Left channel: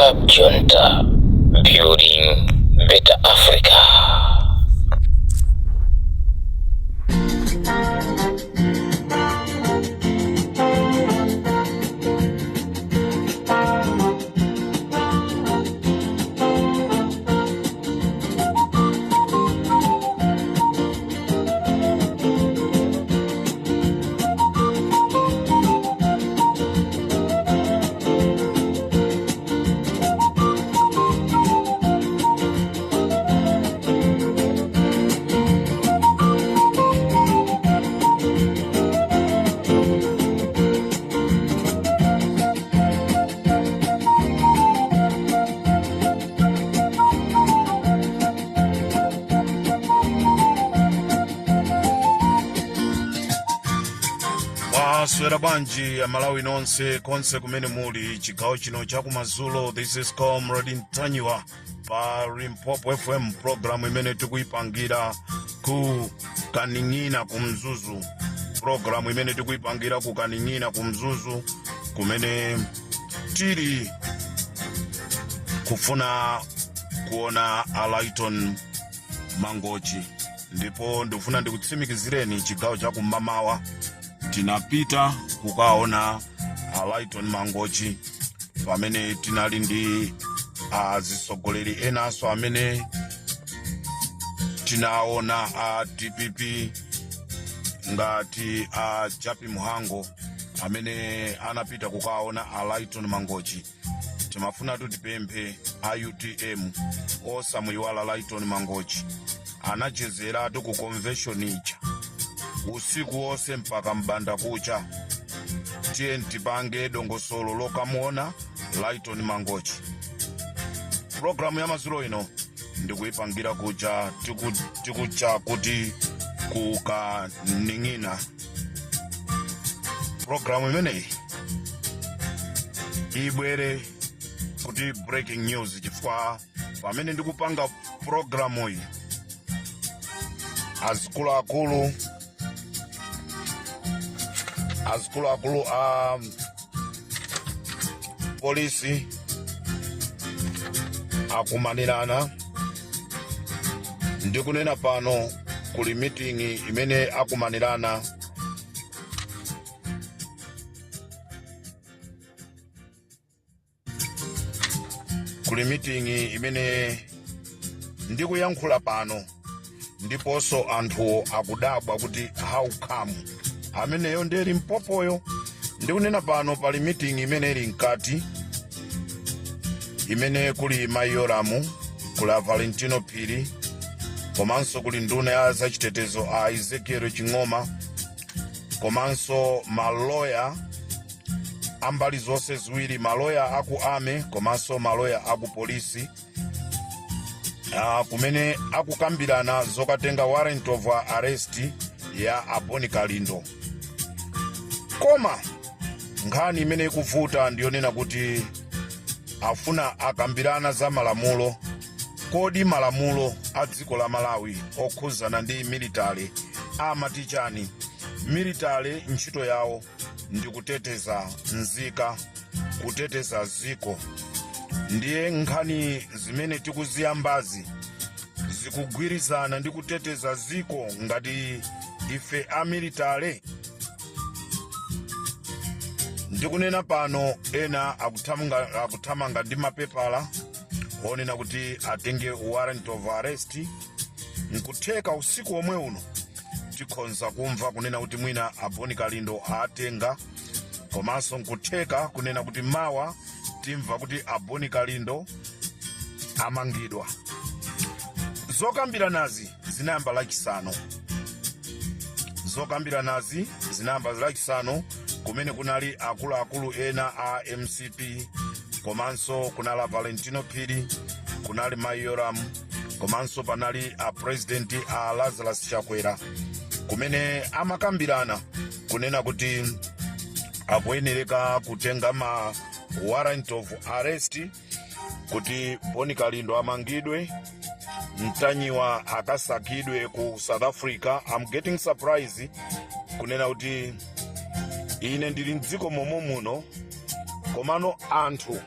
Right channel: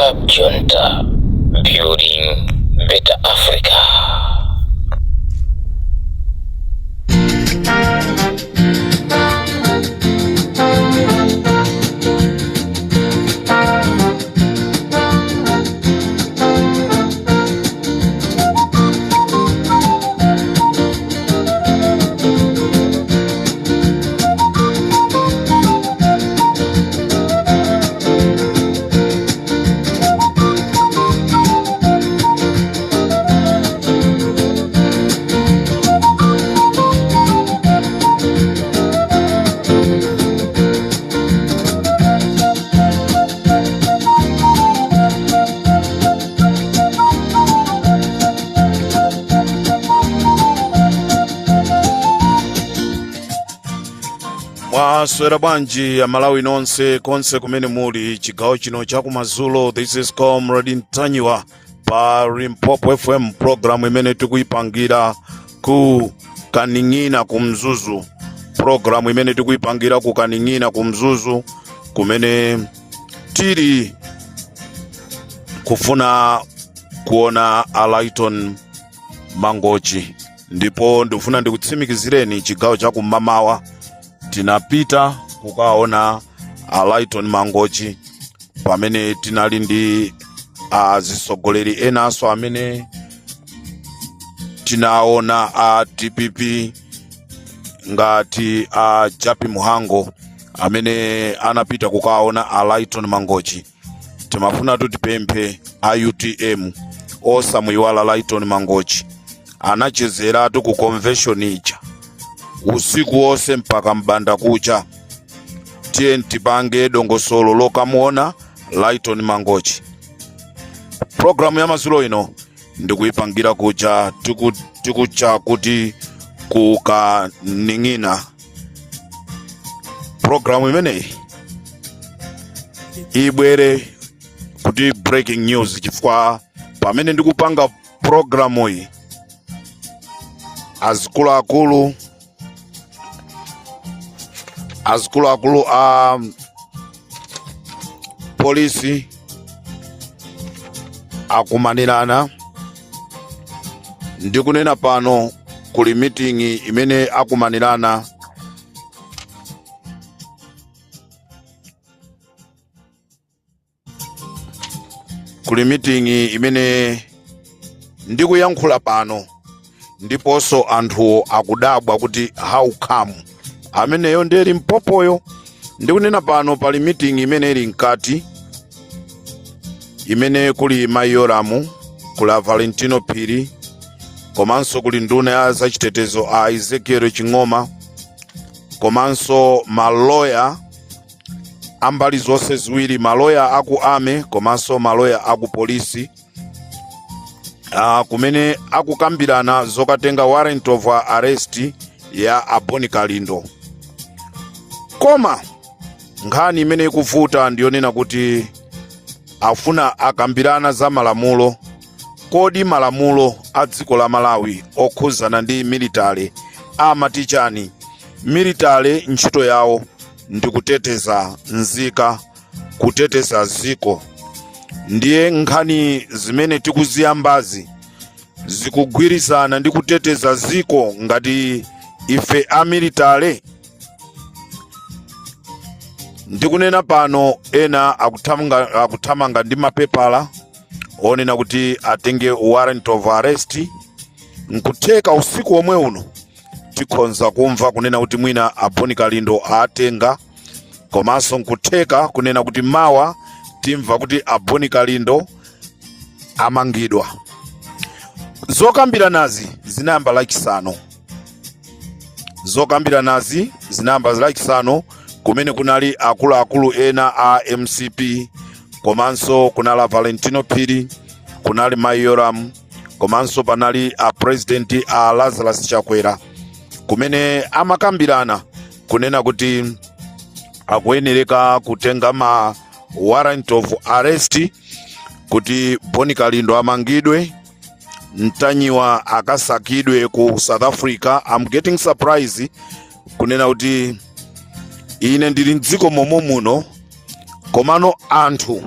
Club Junta, building better Africa. Swera banji ya Malawi nonse konse kumene muli chigawo chino chakumadzulo. This is Comrade Ntanyiwa pa Limpopo FM, program imene tikuipangira ku Kaning'ina kumzuzu. Program imene tikuipangira ku Kaning'ina kumzuzu kumene tiri kufuna kuona Alaiton Mangochi. Ndipo ndifuna ndikutsimikizireni chigawo chakumamawa tinapita kukaona Alaiton Mangochi pamene tinali ndi azisogoleri enaso amene tinaona a DPP ngati a Japi Muhango amene anapita kukaona Alaiton Mangochi. Timafuna tutipemphe a UTM osamuiwala Alaiton Mangochi anachezeratu ku convention ija usiku wose mpaka mbanda kucha. TNT bange dongosolo lokamuona Alaiton Mangochi. Programu ya mazulo ino ndikuipangira kucha tikucha kuti kukaning'ina. Programu imeneyi ibwere kuti breaking news chifukwa pamene ndikupanga programu iyi azikuluakulu polisi akumanirana. Ndikunena pano kuli meeting imene akumanirana ndikuyankhula pano ndiponso anthu akudabwa kuti how come ameneyo ndeli mpopoyo. Ndikunena pano pali meeting imene ili mkati imene kuli Mayoramu, kula Valentino Piri, komanso kuli nduna ya zachitetezo a Ezekiel Chingoma, komanso maloya ambali zonse ziwiri, maloya aku ame komanso maloya aku polisi kumene akukambirana zokatenga warrant of arrest ya Aboni Kalindo. Koma nkhani imene ikuvuta ndiyonena kuti afuna akambirana za malamulo. Kodi malamulo a dziko la Malawi okhuzana ndi military amatichani? Military ntchito yawo ndikuteteza nzika, kuteteza ziko. Ndiye nkhani zimene tikuziyambazi zikugwirizana ndi kuteteza ziko ngati ife a military. Ndikunena pano ena akuthamanga ndi mapepala onena kuti atenge warrant of arrest. Nkutheka usiku omwe uno tikhonza kumva kunena kuti mwina Aboni Kalindo atenga, komanso nkutheka kunena kuti mawa timva kuti Aboni Kalindo amangidwa. Zokambiranazi zinayamba lachisanu kumene kunali akuluakulu ena a MCP, komanso kunali Valentino Piri, kunali Mayoram, komanso panali a president a Lazarus Chakwera, kumene amakambirana kunena kuti akuyenereka kutenga ma warrant of arrest kuti Aboni Kalindo amangidwe, Ntanyiwa akasakidwe ku South Africa. I'm getting surprised kunena kuti ine ndili mdziko momwe muno komano anthu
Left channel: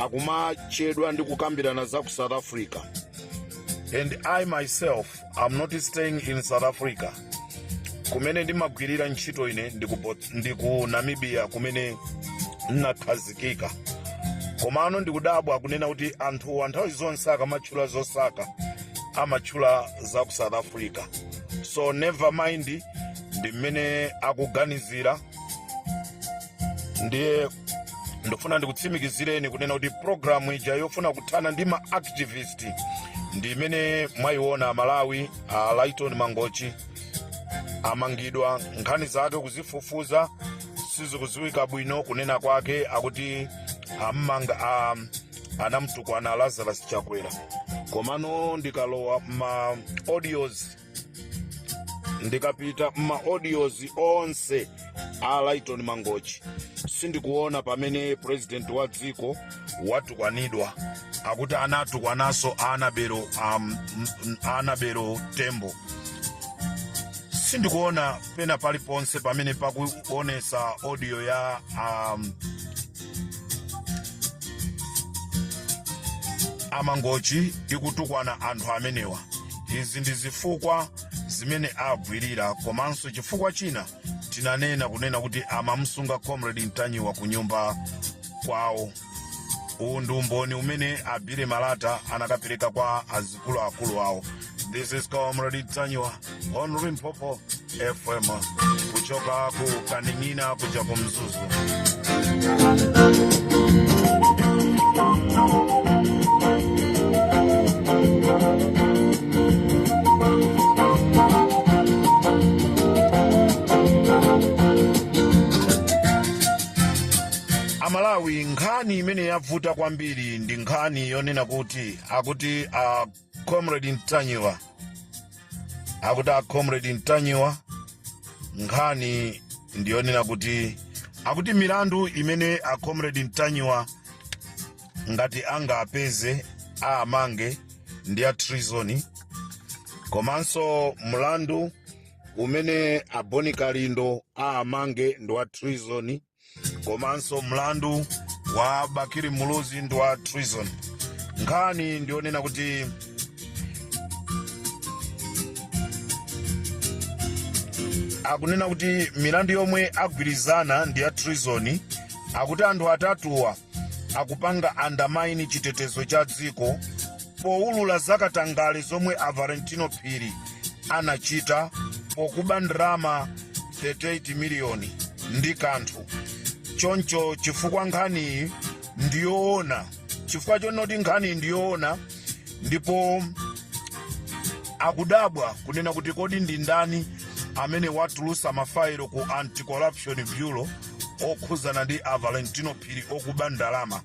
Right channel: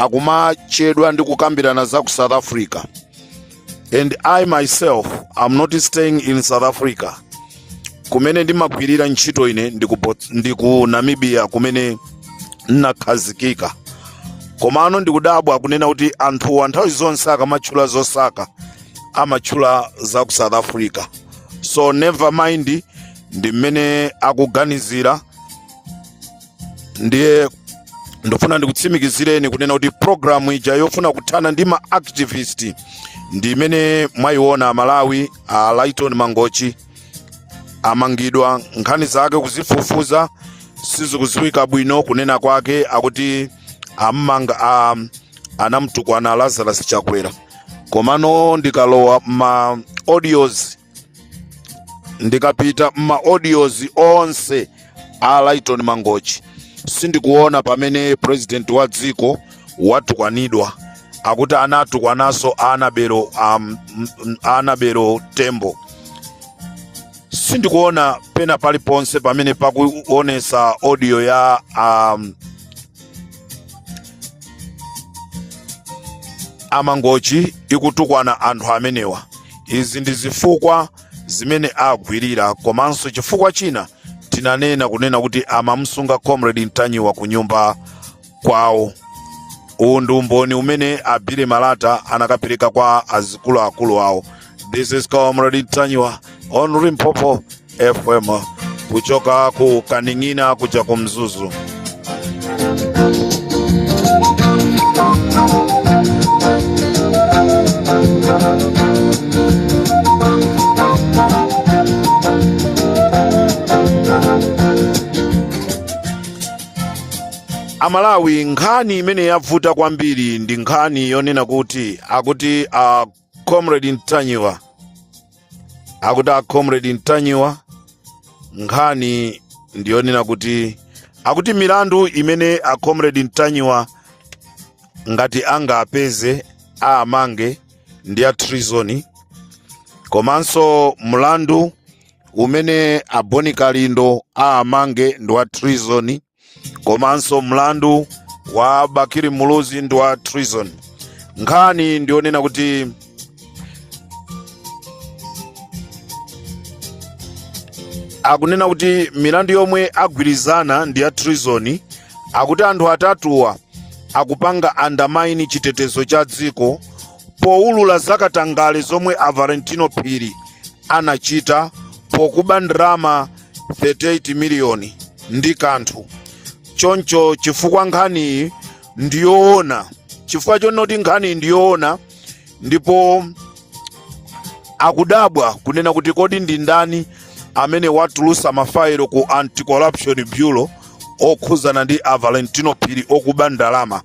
akumachedwa ndi kukambirana za ku South Africa. And I myself am not staying in South Africa. Kumene ndimagwirira ntchito ine ndi ku Namibia kumene nakhazikika. Komano ndikudabwa kunena kuti anthu nthawi zonse akamatchula zosaka amatchula za ku South Africa. So never mind, ndi mmene akuganizira. Ndiye ndofuna ndikutsimikizireni kunena kuti programu ija yofuna kuthana ndi ma activist ndi imene mwayiona Malawi Lighton Mangochi amangidwa, nkhani zake kuzifufuza sizikuziwika bwino. Kunena kwake akuti amanga anamtukwana Lazarus Chakwera. Komano ndikalowa ma audios, ndikapita ma audios onse Lighton Mangochi, sindikuona pamene president wa dziko watukwanidwa. Akuti anatukwananso Anabelo Tembo. Sindikuona pena paliponse pamene pakuonesa audio ya Mangochi ikutukwana anthu amenewa. Izi ndi zifukwa zimene agwirira, komanso chifukwa china tinanena kunena kuti amamsunga Comrade Ntanyiwa ku nyumba kwawo. Uwu ndi umboni umene Abile Malata anakapereka kwa akulu awo. This is Comrade Ntanyiwa on Limpopo FM kuchoka ku Kaning'ina kuja ku Mzuzu. Amalawi, nkhani imene yavuta kwambiri ndi nkhani yonena kuti akuti Comrade Ntanyiwa, Comrade Ntanyiwa, nkhani ndiyonena kuti akuti milandu imene Comrade Ntanyiwa ngati angapeze amange ndi ya treason. Komanso mlandu umene Boni Kalindo amange ndi wa treason. Komanso mlandu wa Bakiri Muluzi ndi wa treason. Nkhani ndionena kuti akunena kuti milandu yomwe agwirizana ndi ya treason. Akuti anthu atatuwa akupanga undermine chitetezo cha dziko poulula zakatangale zomwe Valentino Phiri anachita pokuba ndalama 38 miliyoni ndi kanthu. Choncho chifukwa nkhani ndiyoona, chifukwa chonoti nkhani ndiyoona, ndipo akudabwa kunena kuti kodi ndi ndani amene watulusa mafailo ku Anti-Corruption Bureau okhuzana ndi Valentino Phiri okuba ndalama.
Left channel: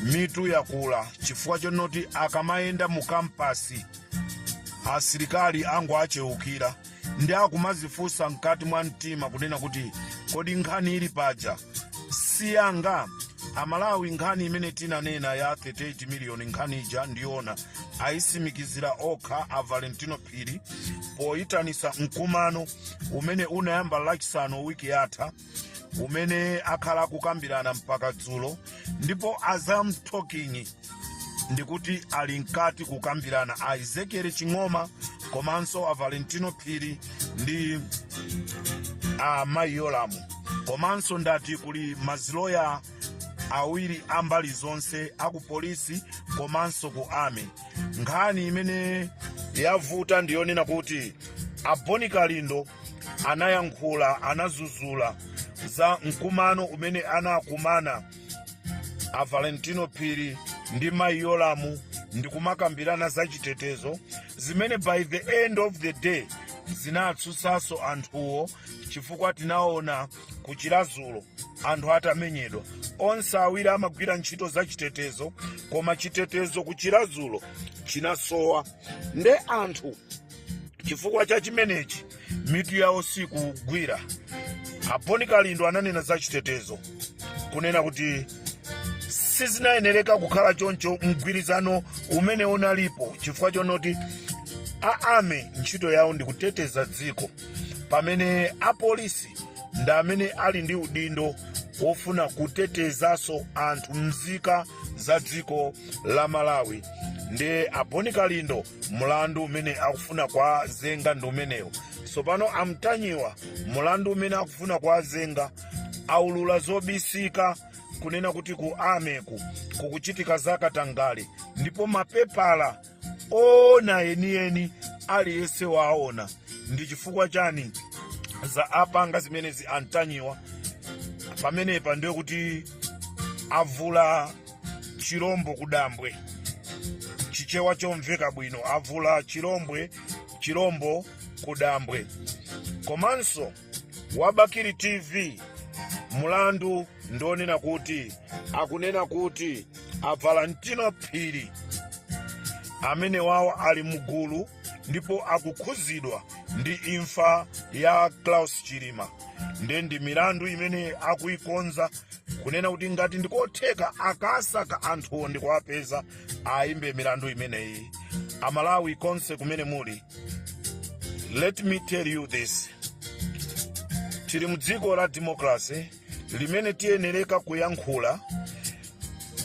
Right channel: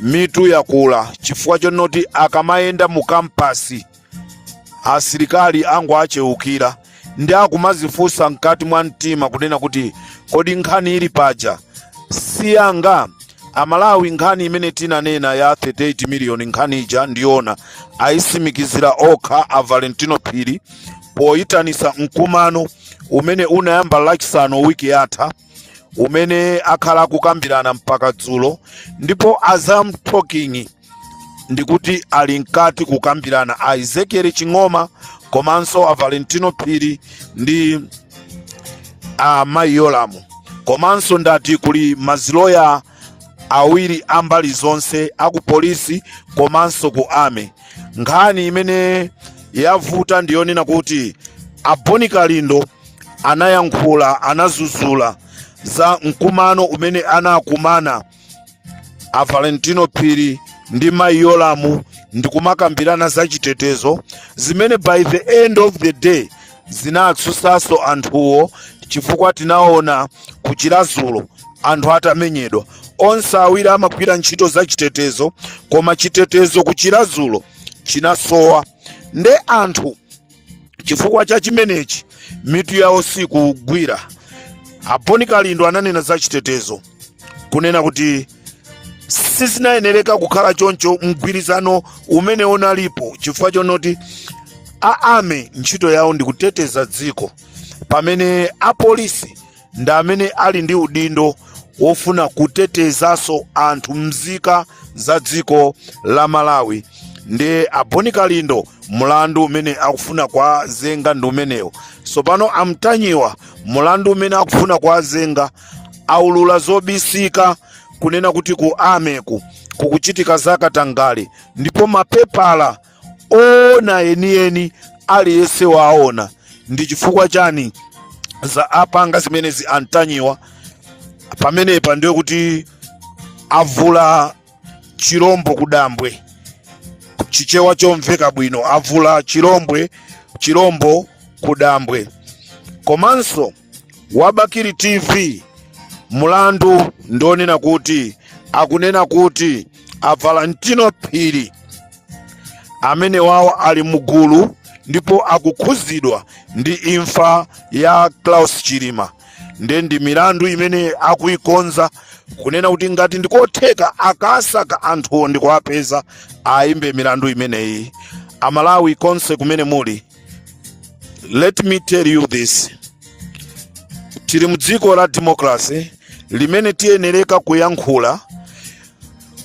Mitu yakula chifukwa chonoti akamayenda mu kampasi asilikali angu acheukira ndi akumazifunsa mkati mwa mtima kunena kuti kodi nkhani ili paja siyanga. Amalawi, nkhani imene tinanena ya 38 miliyoni nkhani ija ndiona ayisimikizira okha Valentino Phiri poyitanisa mkumano umene unayamba lachisanu wiki yatha, umene akhala kukambirana mpaka dzulo, ndipo Azam Talking ndikuti ali nkati kukambirana Ezekiel Chingoma komanso Valentino Phiri ndi Mayolamu. Komanso ndati kuli maziloya awiri ambali zonse aku polisi komanso ku ame. Nkhani imene yavuta ndiyonena kuti Boni Kalindo anayankhula, anazuzula za mkumano umene anakumana Valentino Phiri ndi Mayolamu ndi kumakambirana za chitetezo zimene by the end of the day zinatsusaso anthuwo, chifukwa tinaona kuchilazulo anthu atamenyedwa. Onse awiri amagwira ntchito za chitetezo, koma chitetezo kuchilazulo chinasowa. Nde anthu chifukwa cha chimenechi mitu yawo sikugwira. Boni Kalindo ananena za chitetezo kunena kuti sizinayenereka kukhala choncho mgwirizano umene unalipo, chifukwa chonoti aame ntchito yawo ndi kuteteza dziko, pamene apolisi ndi amene ali ndi udindo ofuna kutetezaso anthu mzika za dziko la Malawi. Ndi Boni Kalindo mulandu umene akufuna kwa zenga ndi umenewo. Sopano amtanyiwa mulandu umene akufuna kwa zenga aulula zobisika kunena kuti ku ameku kukuchitika zakatangale, ndipo mapepala ona enieni aliyese waona. Ndi chifukwa chani za apanga zimenezi antanyiwa pamenepa ndiyo kuti avula chirombo kudambwe, chichewa chomveka bwino, avula chirombo kudambwe. Komanso Wabakiri TV mulandu ndonena kuti akunena kuti Valentino Phiri amene wawo ali mugulu ndipo akukhuzidwa ndi imfa ya Klaus Chilima. Ndi milandu imene akuikonza kunena kuti ngati ndikotheka akasaka anthu ndikuwapeza aimbe milandu imeneyi. Amalawi konse kumene muli, let me tell you this, tili mudziko la democracy limene tiyenereka kuyankhula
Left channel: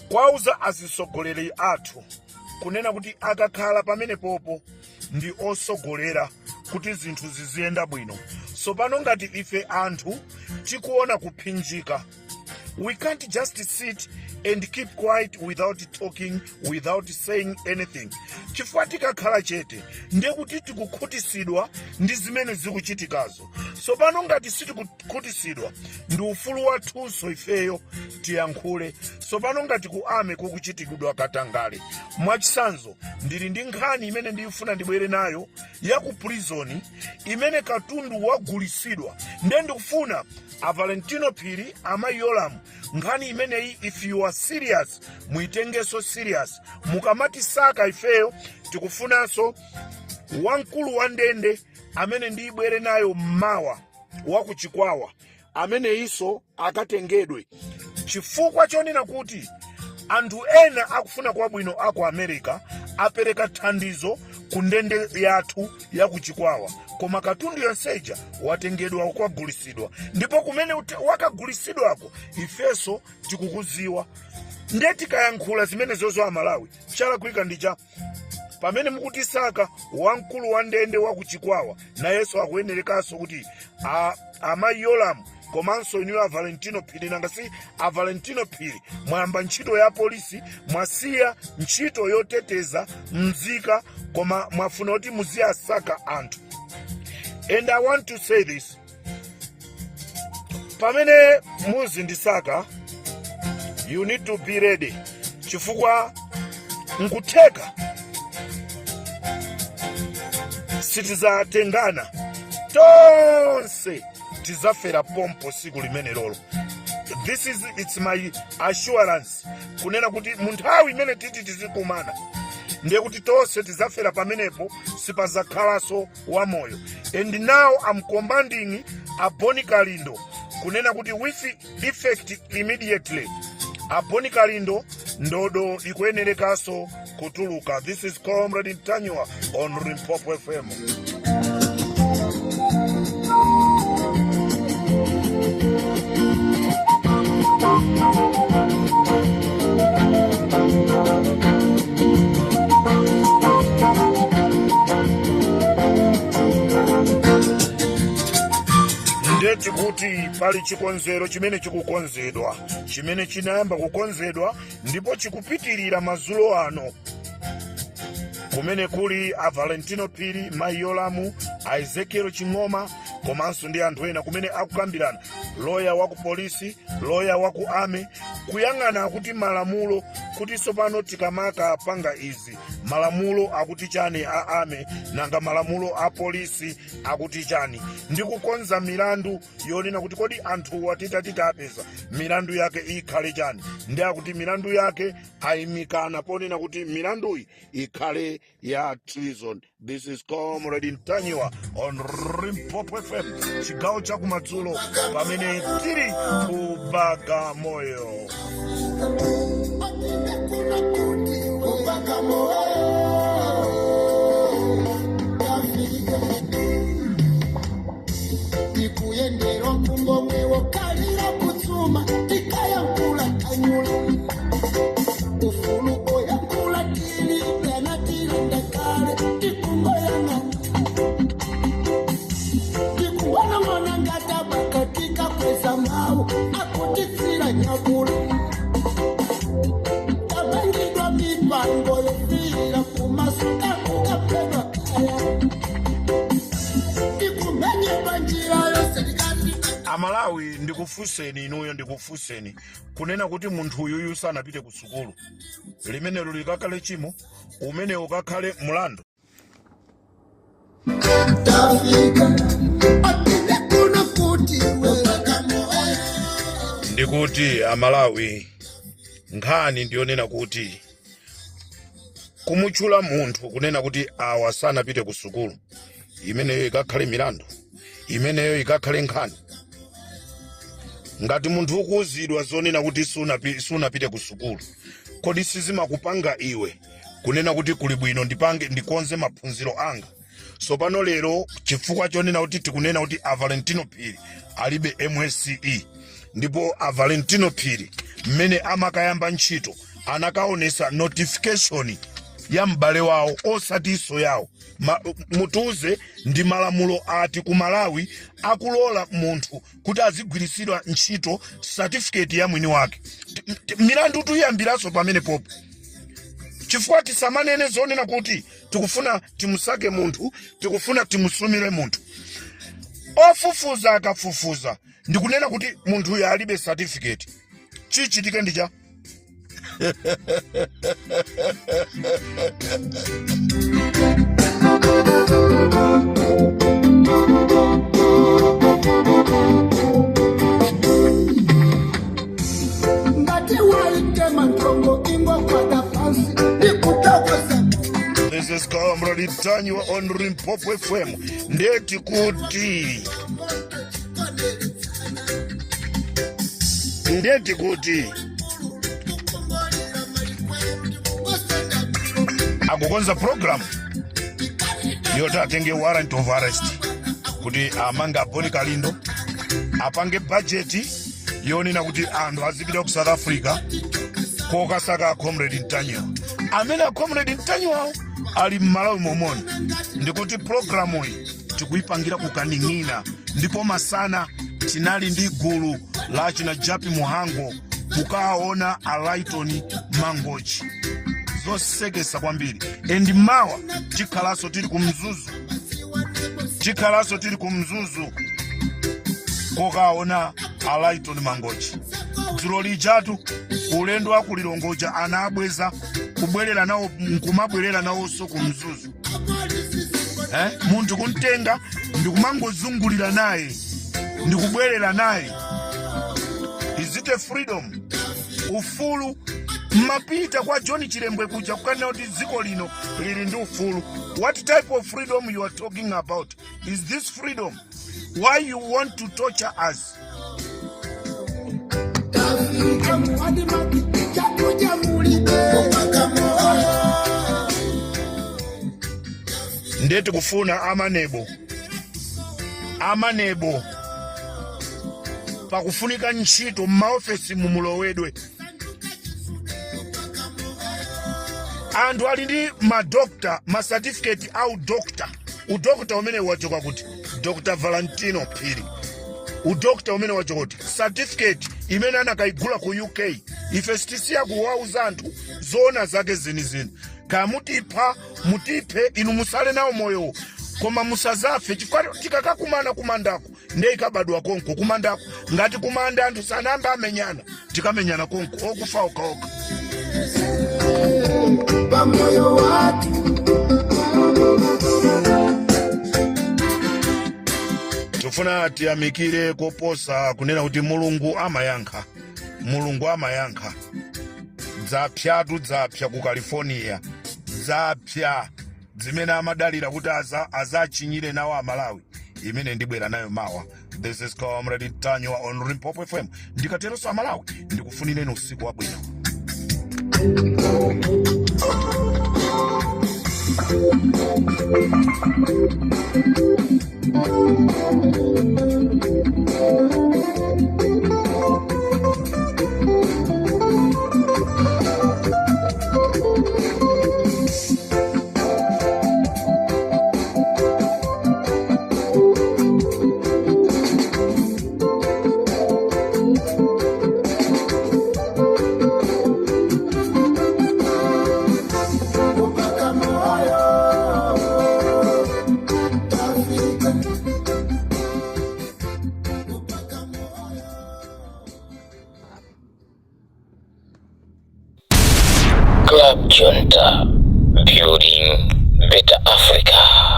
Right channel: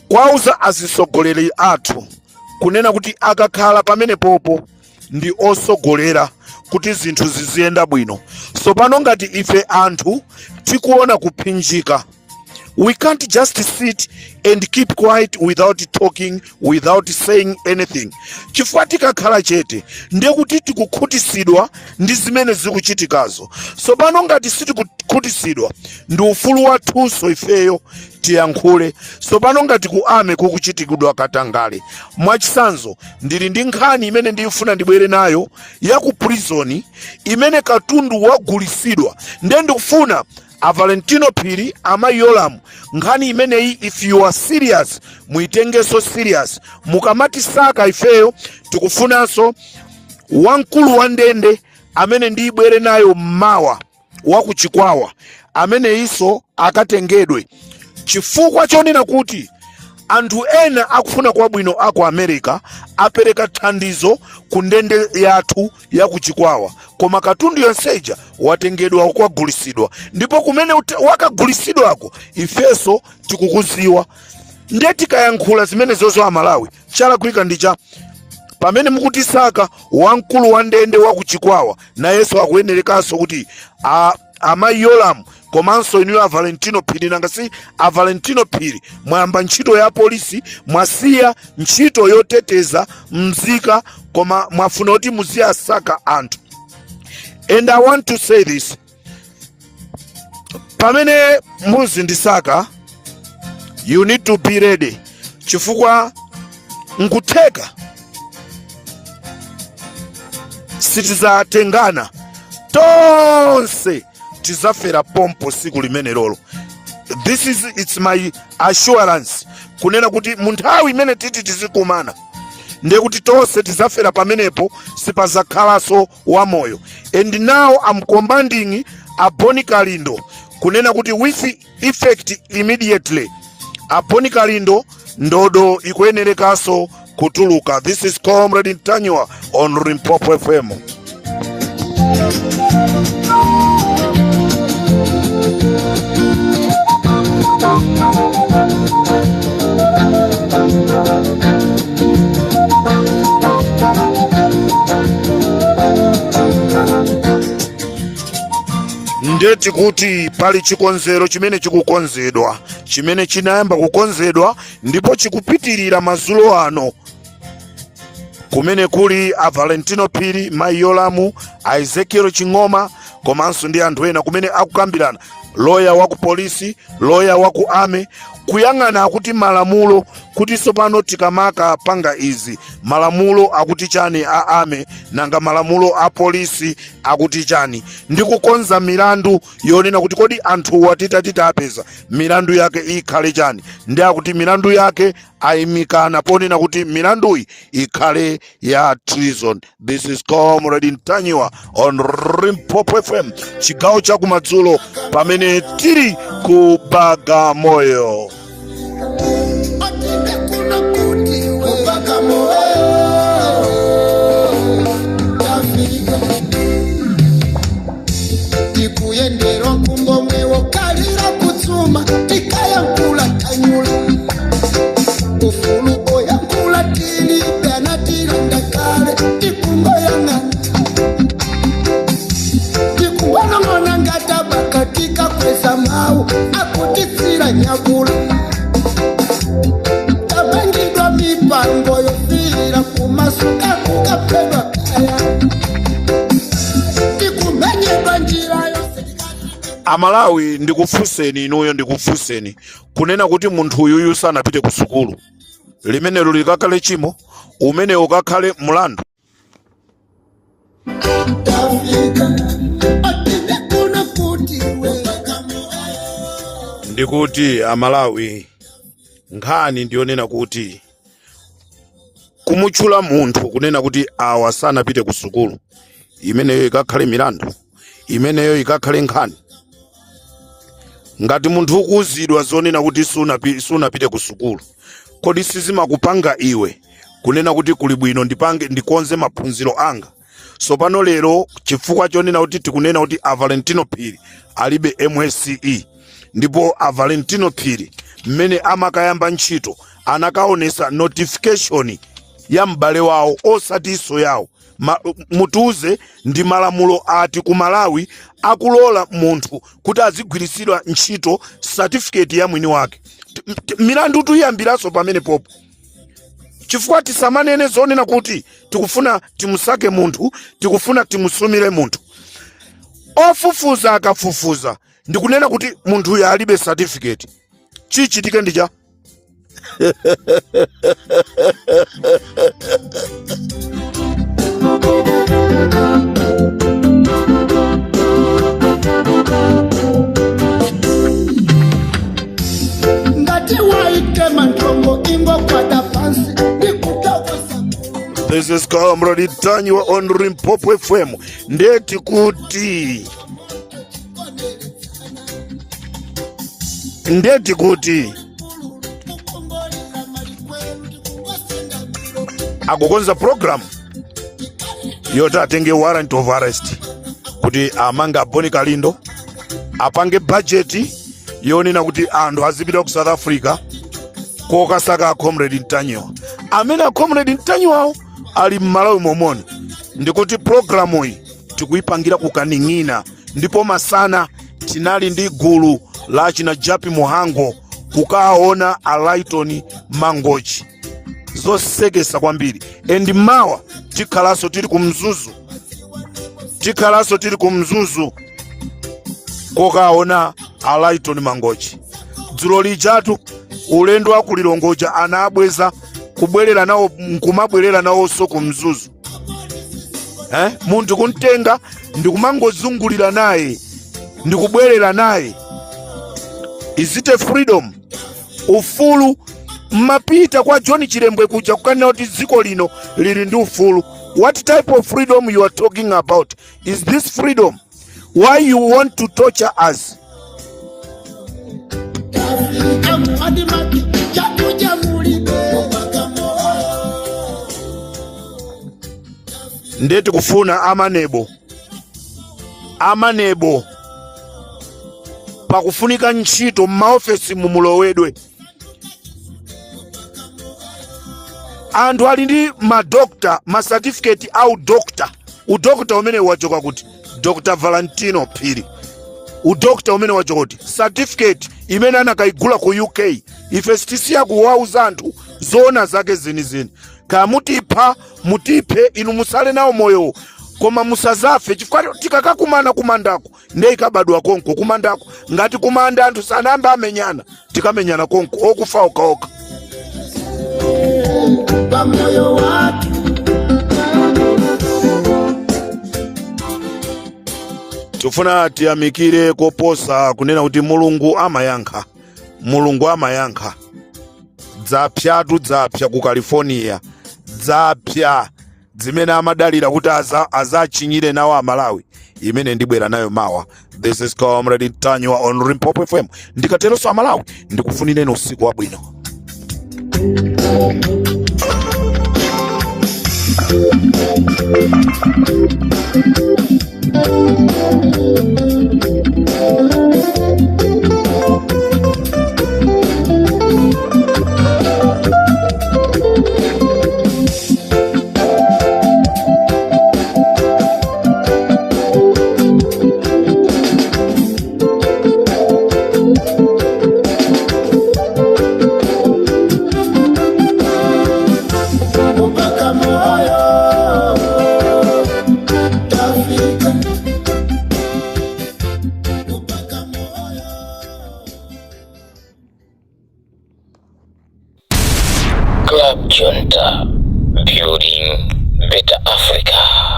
kwauza azisogoleri athu kunena kuti akakhala pamene popo ndi osogolera kuti zinthu ziziyenda bwino. Sopano ngati ife anthu tikuona kuphinjika, we can't just sit and keep quiet without talking, without saying anything. Chifukwa tikakhala chete ndiye kuti tikukhutisidwa ndi zimene zikuchitikazo. Sopano ngati sitikukhutisidwa ndi ufulu wathunso ifeyo tiyankhule. Sopano ngati ku ame kukuchitikidwa katangale, mwachisanzo ndili ndi nkhani imene ndifuna ndibwere nayo ya ku prison imene katundu wagulisidwa. Ndiye ndikufuna Valentino Phiri amayolamu nkhani imeneyi, if you are serious muitengeso serious. Mukamati saka ifeyo tikufunanso wamkulu wa ndende amene ndibwere nayo mmawa wakuchikwawa amene iso akatengedwe, chifukwa chonena kuti anthu ena akufuna kwabwino aku America apereka thandizo ku ndende yathu yakuchikwawa, koma katundu yonseja watengedwa kwagulisidwa. Ndipo kumene wakagulisidwako ifeso tikukuziwa. Ndiye tikayankhula zimene zozo Amalawi chalakwika ndicha pamene mukutisaka wamkulu wa ndende wakuchikwawa na Yesu akuyenerekaso kuti amayolamu komanso inu Valentino Phiri. Nangasi Valentino Phiri mwayamba ntchito ya polisi, mwasiya ntchito yoteteza mzika, koma mwafuna kuti muziyasaka anthu. And I want to say this, pamene muzindisaka you need to be ready, chifukwa nkutheka sitizatengana tonse tizafera pompo siku limene lolo. It's my assurance kunena kuti munthawi imene titi tizikumana ndiye kuti tonse tizafera pamenepo, sipazakhalaso wamoyo. And now I'm commanding Boni Kalindo kunena kuti with effect immediately Boni Kalindo ndodo ikuyenerekaso kutuluka. This is Comrade Ntanywa on Limpopo FM. Ndeti kuti pali chikonzero chimene chikukonzedwa, chimene chinayamba kukonzedwa ndipo chikupitirira mazulo ano, kumene kuli Valentino Phiri, Mayolamu, Ezekiel Chingoma, komanso ndi anthu ena kumene akukambirana, loya waku polisi, loya waku ame, kuyang'ana akuti malamulo kuti sopano tikamaka panga izi malamulo akuti chani a ame nanga malamulo a polisi akuti chani, ndi kukonza milandu yonena kuti kodi anthu watitati apeza milandu yake ikhale chani, ndi akuti milandu yake ayimikana ponena kuti milanduyi ikhale ya treason. This is Comrade Ntanywa on Limpopo FM, chigawo cha kumadzulo pamene tiri ku Bagamoyo. Tikuyendera kumbo mwe wokalira kutsuma Amalawi ndikufuseni inuyo ndikufuseni kunena kuti munthu uyuyu sanapite ku sukulu limenelo likakhale chimo umene ukakhale mulandu. Ndikuti Amalawi nkhani ndionena kuti kumutchula munthu kunena kuti awa sanapite ku sukulu imeneyo ikakhale milandu, imeneyo ikakhale nkhani. Ngati munthu ukuuzidwa zonena kuti sunapite ku sukulu, kodi sizimakupanga iwe kunena kuti kuli bwino ndikonze maphunziro anga? So pano lero chifukwa chonena kuti tikunena kuti a Valentino Phiri alibe MSCE, ndipo a Valentino Phiri mmene amakayamba ntchito anakaonesa notification ya m'bale wawo osati iso yawo. Mutuze ndi malamulo ati ku Malawi akulola munthu kuti azigwirisidwa ntchito certificate ya mwini wake. Milandu tuyambiraso pamene popo. Chifukwa tisamanene zonena kuti tikufuna timusake munthu, tikufuna timusumire munthu. Ofufuza akafufuza ndikunena kuti munthu uyu alibe certificate. Chichitike ndicha. This is Comrade Tanywa on Limpopo FM. Ndeti kuti akukonza program yoti atenge warrant of arrest kuti amanga Boni Kalindo, apange budget yonena kuti anthu azipita ku South Africa kokasaka Comrade Tanywa. Amene Comrade Tanywa ali m'Malawi momoni. Ndikuti programu iyi tikuipangira kukaning'ina, ndipo masana tinali ndi gulu la china Japi Muhango kukaona a Lighton Mangochi zosekesa kwambiri. Endi mawa tikhalaso tili kumzuzu kokaona a Lighton Mangochi. Dzulo lijatu ulendo wa kulilongoja anabweza kubwerera nawo nkumabwerera nawo so kumzuzu. Munthu kuntenga ndikumangozungulira naye ndikubwerera naye. Is it a freedom? Ufulu mapita kwa John Chirembwe kuja kukanena kuti dziko lino lili ndi ufulu. What type of freedom you are talking about? Is this freedom? Why you want to torture us? Ndeti kufuna amanebo pakufunika ntchito m'maofesi mumulowedwe. Anthu ali ndi madokta, certificate au dokta. Udokta umene wachoka kuti Dr. Valentino Phiri. Udokta umene wachoka kuti certificate imene anakaigula ku UK. Ife sitisiya kuwauza anthu zona zake zinizini. Kaya mutiphe inu musale nawo moyo, koma musazafe chifukwa tikakakumana kumandako ndiye ikabadwa konko kumandako. Ngati kumanda anthu sanamba amenyana tikamenyana konko okufa okaoka. Tufuna tiyamikire koposa kunena kuti Mulungu amayankha. Dzapya ku California. Dzapya zimene amadalira kuti azachinyire nawo Amalawi. Imene ndibwera nayo mawa. This is Comrade Tanywa on Limpopo FM. Ndikateronso Amalawi ndikufunireni usiku wabwino. Club Junta, building better Africa.